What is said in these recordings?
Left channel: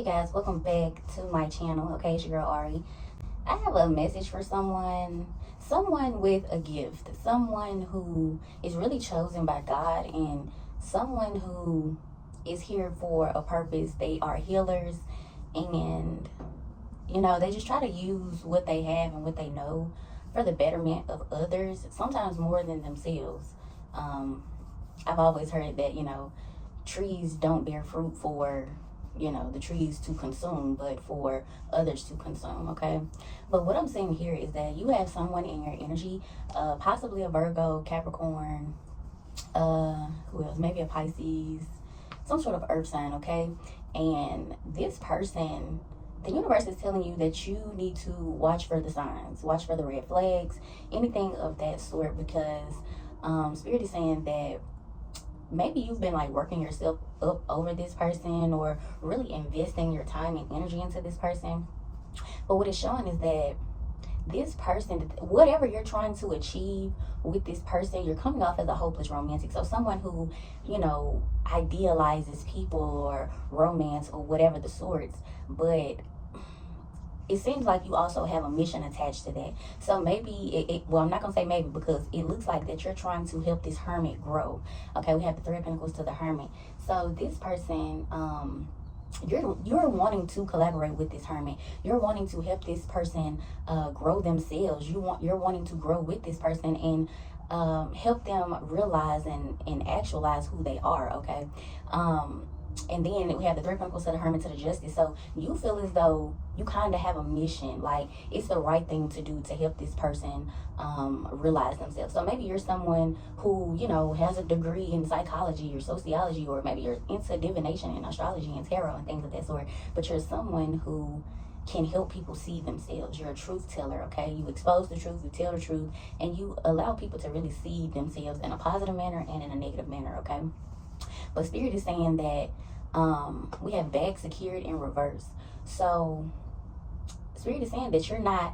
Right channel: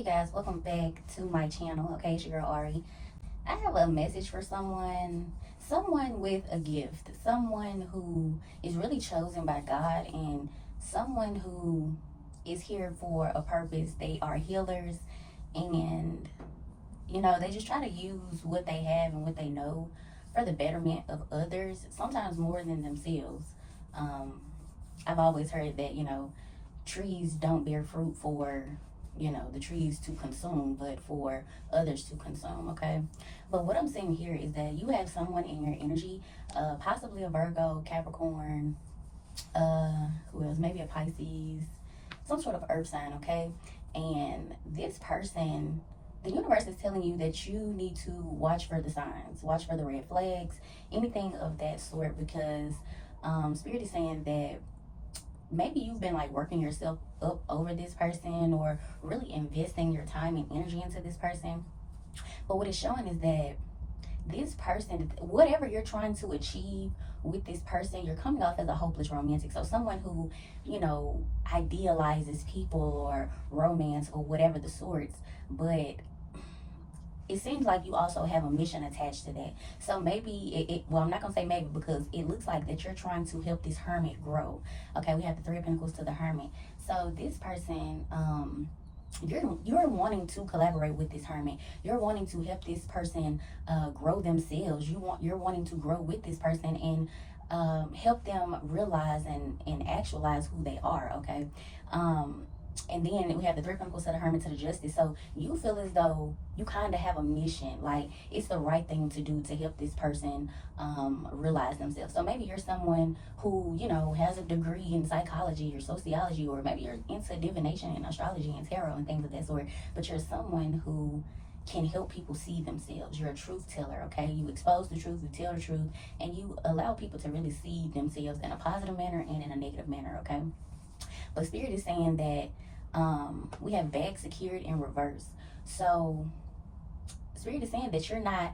Hey guys, welcome back to my channel. Okay, it's your girl Ari. I have a message for someone with a gift, someone who is really chosen by God, and someone who is here for a purpose. They are healers, and they just try to use what they have and what they know for the betterment of others, sometimes more than themselves. um, I've always heard that trees don't bear fruit for the trees to consume, but for others to consume. Okay, but what I'm saying here is that you have someone in your energy, possibly a Virgo, Capricorn, who else, maybe a Pisces, some sort of earth sign. Okay, and this person, the universe is telling you that you need to watch for the signs, watch for the red flags, anything of that sort, because spirit is saying that maybe you've been like working yourself up over this person, or really investing your time and energy into this person. But what it's showing is that this person, whatever you're trying to achieve with this person, you're coming off as a hopeless romantic. So someone who, idealizes people or romance or whatever the sorts. But it seems like you also have a mission attached to that. So maybe well, I'm not gonna say maybe, because it looks like that you're trying to help this hermit grow. Okay, we have the Three of Pentacles to the Hermit. So this person, you're wanting to collaborate with this hermit. You're wanting to help this person grow themselves. You're wanting to grow with this person and help them realize and actualize who they are. Okay. And then we have the Three of Pentacles to the Hermit to the Justice. So you feel as though you kind of have a mission, like it's the right thing to do to help this person realize themselves. So maybe you're someone who, has a degree in psychology or sociology, or maybe you're into divination and astrology and tarot and things of that sort, but you're someone who can help people see themselves. You're a truth teller. Okay, you expose the truth, you tell the truth, and you allow people to really see themselves in a positive manner and in a negative manner. Okay, but spirit is saying that we have bag secured in reverse. So spirit is saying that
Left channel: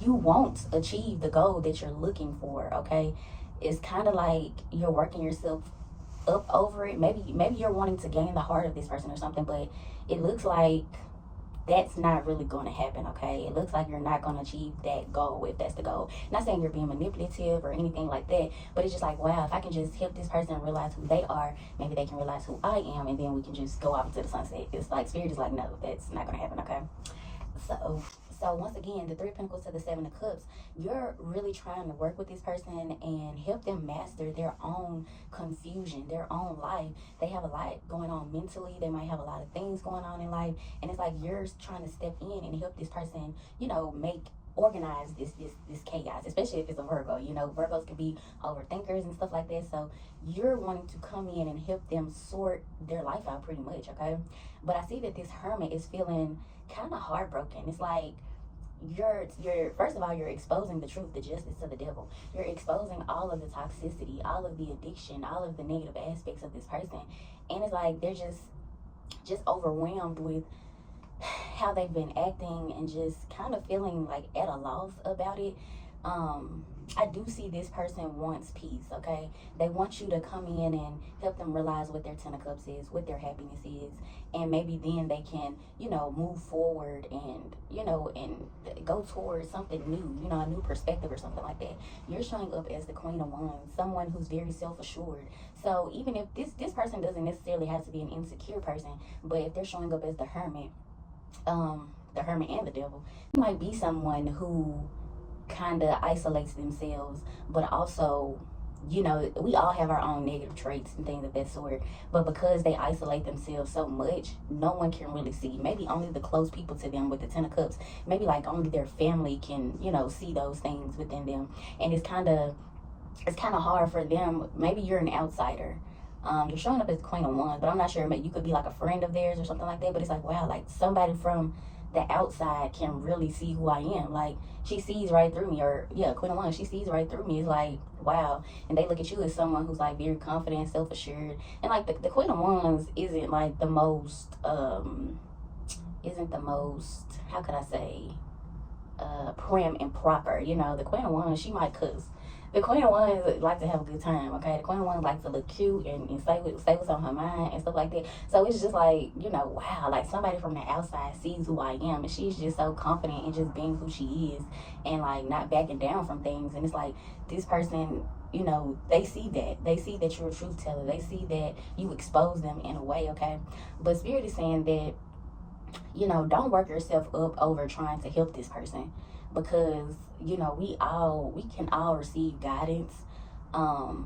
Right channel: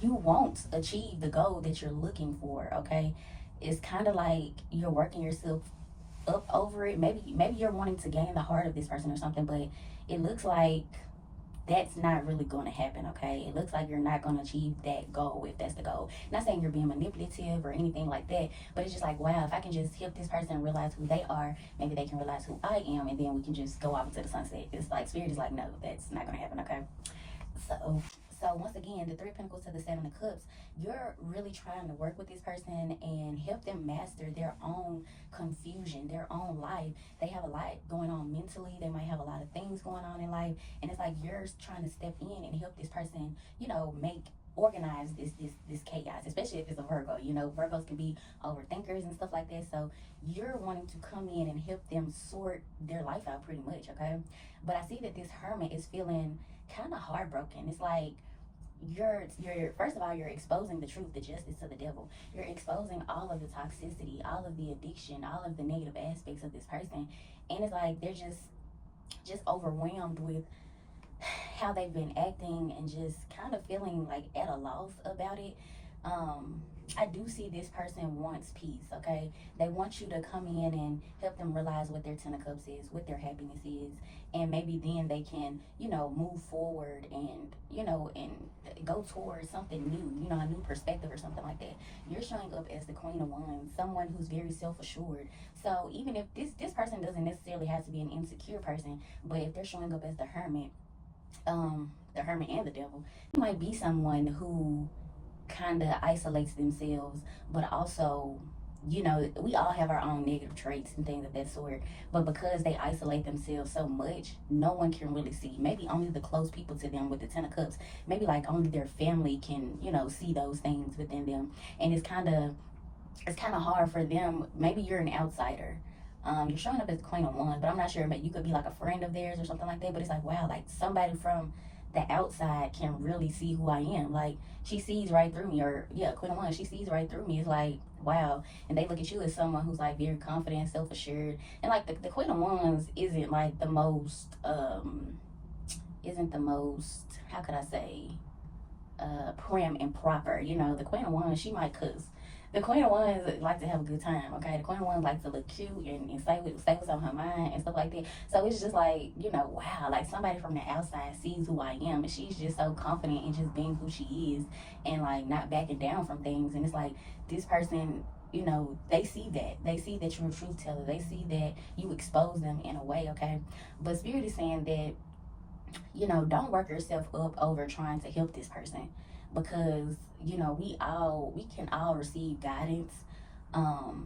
you won't achieve the goal that you're looking for. Okay, it's kind of like you're working yourself up over it. Maybe you're wanting to gain the heart of this person or something, but it looks like that's not really going to happen. Okay, it looks like you're not going to achieve that goal, if that's the goal. Not saying you're being manipulative or anything like that, but it's just like, wow, if I can just help this person realize who they are, maybe they can realize who I am, and then we can just go off into the sunset. It's like spirit is like, no, that's not going to happen. Okay, so once again, the Three of Pentacles to the Seven of Cups, you're really trying to work with this person and help them master their own confusion, their own life. They have a lot going on mentally. They might have a lot of things going on in life, and it's like you're trying to step in and help this person, organize this chaos, especially if it's a Virgo. Virgos can be overthinkers and stuff like that. So you're wanting to come in and help them sort their life out pretty much. Okay, but I see that this hermit is feeling kind of heartbroken. It's like you're first of all, you're exposing the truth, the justice to the devil. You're exposing all of the toxicity, all of the addiction, all of the negative aspects of this person, and it's like they're just overwhelmed with how they've been acting and just kind of feeling like at a loss about it. I do see this person wants peace. Okay, they want you to come in and help them realize what their Ten of Cups is, what their happiness is, and maybe then they can move forward and and go towards something new, a new perspective or something like that. You're showing up as the Queen of Wands, someone who's very self-assured. So even if this person doesn't necessarily have to be an insecure person, but if they're showing up as the Hermit, the Hermit and the Devil, it might be someone who kind of isolates themselves, but also, we all have our own negative traits and things of that sort, but because they isolate themselves so much, no one can really see. Maybe only the close people to them with the Ten of Cups, maybe like only their family can see those things within them, and it's kind of hard for them. Maybe you're an outsider. You're showing up as the Queen of Wands, but I'm not sure. Maybe you could be like a friend of theirs or something like that. But it's like, wow, like somebody from the outside can really see who I am. Like she sees right through me, or Queen of Wands, she sees right through me. It's like, wow. And they look at you as someone who's like very confident, self-assured, and like the Queen of Wands isn't like the most how could I say, prim and proper. The Queen of Wands, she might cuss. the Queen of Wands like to have a good time, okay? The Queen of Wands like to look cute and say what's on her mind and stuff like that. So it's just like, you know, wow, like somebody from the outside sees who I am, and she's just so confident in just being who she is and like not backing down from things. And it's like this person, you know, they see that you're a truth teller. They see that you expose them in a way, okay? But Spirit is saying that, you know, don't work yourself up over trying to help this person, because, you know, we can all receive guidance. And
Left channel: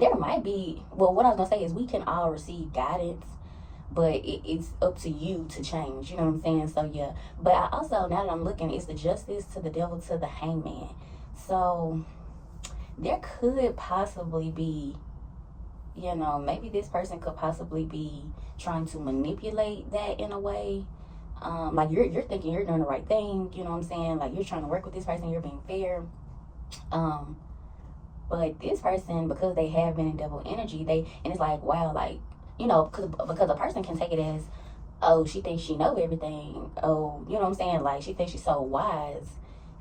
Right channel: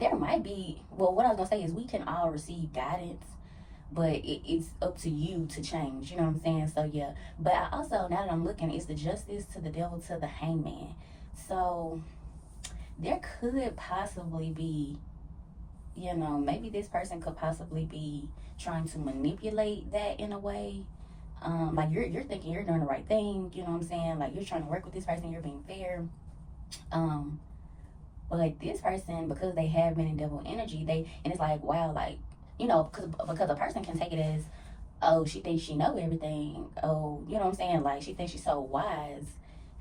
there might be, well, what I was gonna say is we can all receive guidance, but it's up to you to change, you know what I'm saying? So yeah, but I also, now that I'm looking, it's the Justice to the Devil to the Hangman. So there could possibly be, you know, maybe this person could possibly be trying to manipulate that in a way. Like you're thinking you're doing the right thing, you know what I'm saying? Like you're trying to work with this person, you're being fair. But this person, because they have been in devil energy, and it's like, wow, like, you know, because a person can take it as, oh, she thinks she know everything. Oh, you know what I'm saying? Like she thinks she's so wise.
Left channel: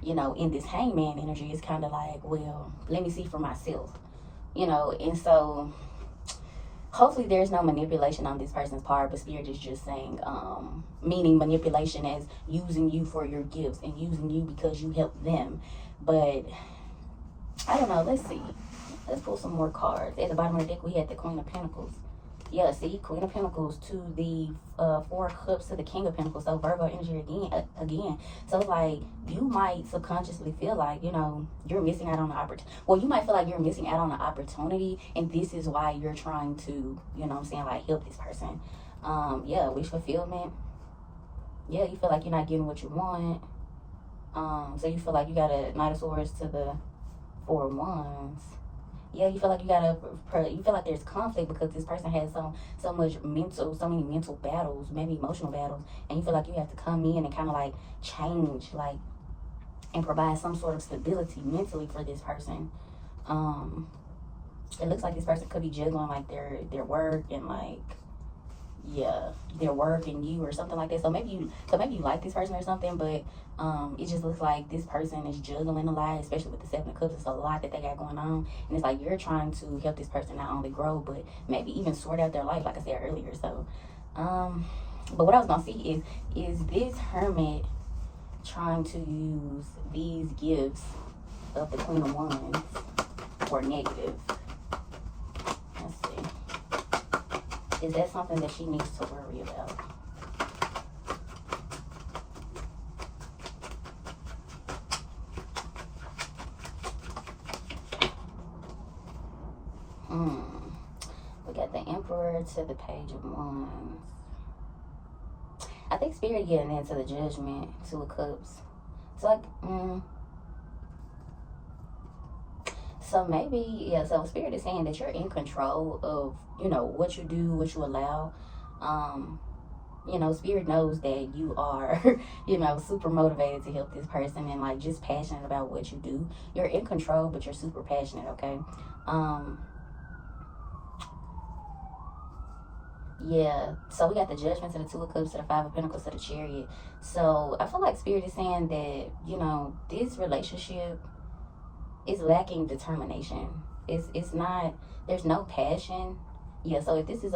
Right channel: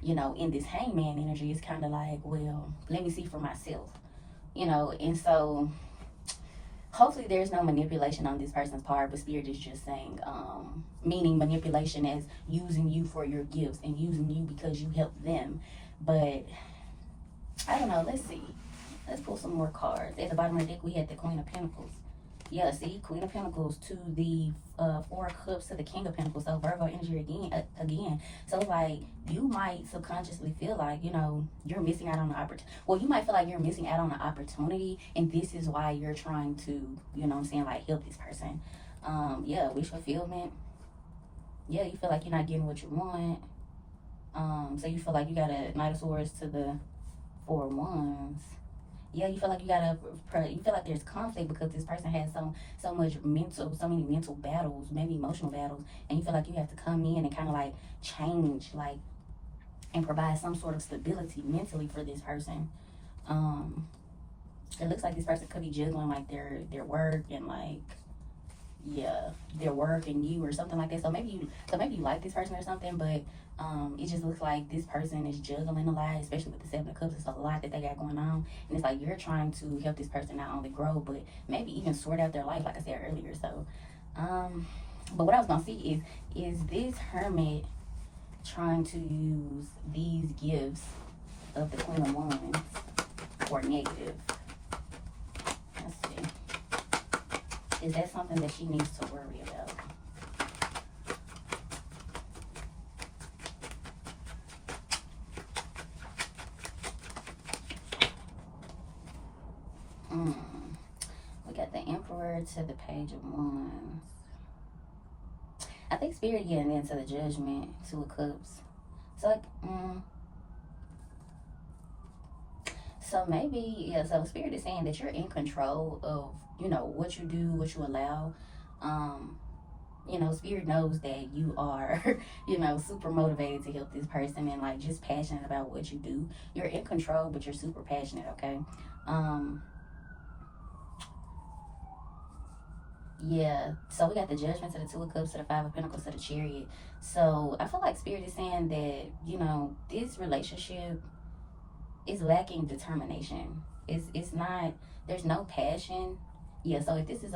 You know, in this Hangman energy, it's kind of like, well, let me see for myself. You know, and so hopefully there's no manipulation on this person's part, but Spirit is just saying, meaning manipulation as using you for your gifts and using you because you helped them. But I don't know, let's see. Let's pull some more cards. At the bottom of the deck, we had the Queen of Pentacles. Yeah, see, Queen of Pentacles to the Four of Cups to the King of Pentacles. So Virgo energy again. So it's like you might subconsciously feel like, you know, you're missing out on the opportunity. Well, you might feel like you're missing out on an opportunity, and this is why you're trying to, you know what I'm saying, like help this person. Yeah, wish fulfillment. Yeah, you feel like you're not getting what you want. So you feel like you got a Knight of Swords to the Four of Wands. Yeah, you feel like you feel like there's conflict because this person has so many mental battles, maybe emotional battles, and you feel like you have to come in and kind of like change, like, and provide some sort of stability mentally for this person. It looks like this person could be juggling like their work and like, yeah, their work and you or something like that. So maybe you like this person or something, but it just looks like this person is juggling a lot, especially with the Seven of Cups. It's a lot that they got going on, and it's like you're trying to help this person not only grow, but maybe even sort out their life, like I said earlier. So, but what I was gonna see is this Hermit trying to use these gifts of the Queen of Wands for negative? Let's see. Is that something that she needs to worry about? We got the Emperor to the Page of Wands. I think Spirit getting into the Judgment, Two of Cups. It's like, so maybe, yeah, so Spirit is saying that you're in control of, you know, what you do, what you allow. You know, Spirit knows that you are, you know, super motivated to help this person and like just passionate about what you do. You're in control, but you're super passionate, okay? Yeah, so we got the Judgment to the Two of Cups to the Five of Pentacles to the Chariot. So I feel like Spirit is saying that, you know, this relationship is lacking determination. It's not, there's no passion. Yeah, so if this is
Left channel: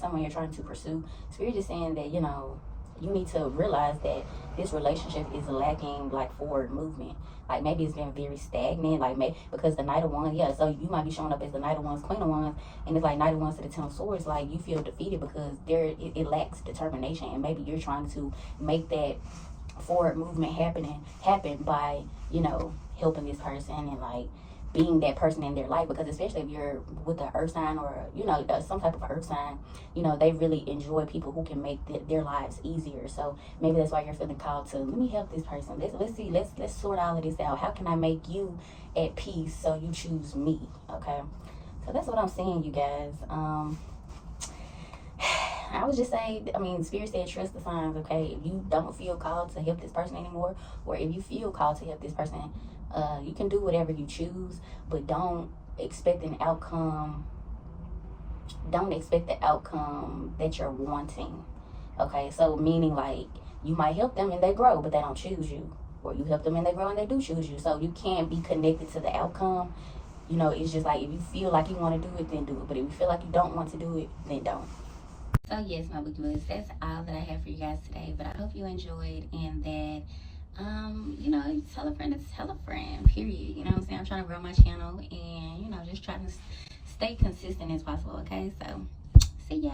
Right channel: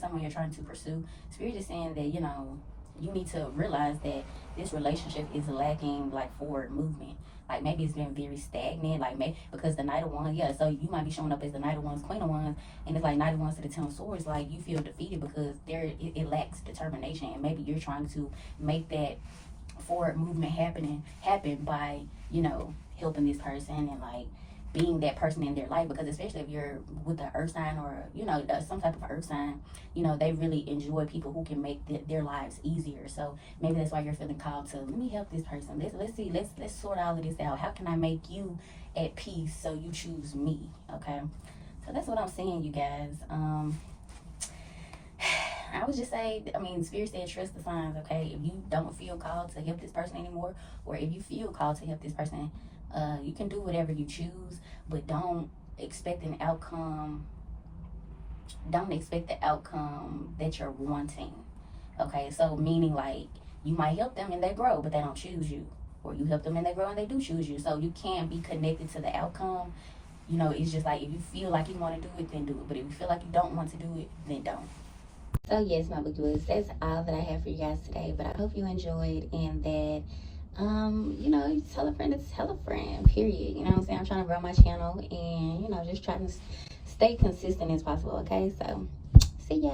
someone you're trying to pursue, Spirit is saying that, you know, you need to realize that this relationship is lacking like forward movement. Like maybe it's been very stagnant, like maybe because the Knight of Wands, yeah, so you might be showing up as the Knight of Wands, Queen of Wands, and it's like Knight of Wands to the Ten of Swords, like you feel defeated because it lacks determination, and maybe you're trying to make that forward movement happen by, you know, helping this person and like being that person in their life, because especially if you're with an earth sign or, you know, some type of earth sign, you know, they really enjoy people who can make their lives easier. So maybe that's why you're feeling called to, let me help this person. Let's sort all of this out. How can I make you at peace so you choose me? Okay, so that's what I'm saying, you guys. I would just say, I mean, Spirit said trust the signs, okay? If you don't feel called to help this person anymore, or if you feel called to help this person, you can do whatever you choose, but don't expect an outcome. Don't expect the outcome that you're wanting, okay? So meaning like you might help them and they grow, but they don't choose you, or you help them and they grow and they do choose you. So you can't be connected to the outcome. You know, it's just like, if you feel like you want to do it, then do it. But if you feel like you don't want to do it, then don't. So yes, my bookie books, that's all that I have for you guys today. But I hope you enjoyed, and that you know, you tell a friend to tell a friend, period. You know what I'm saying? I'm trying to grow my channel and, you know, just trying to stay consistent as possible. Okay, so see ya.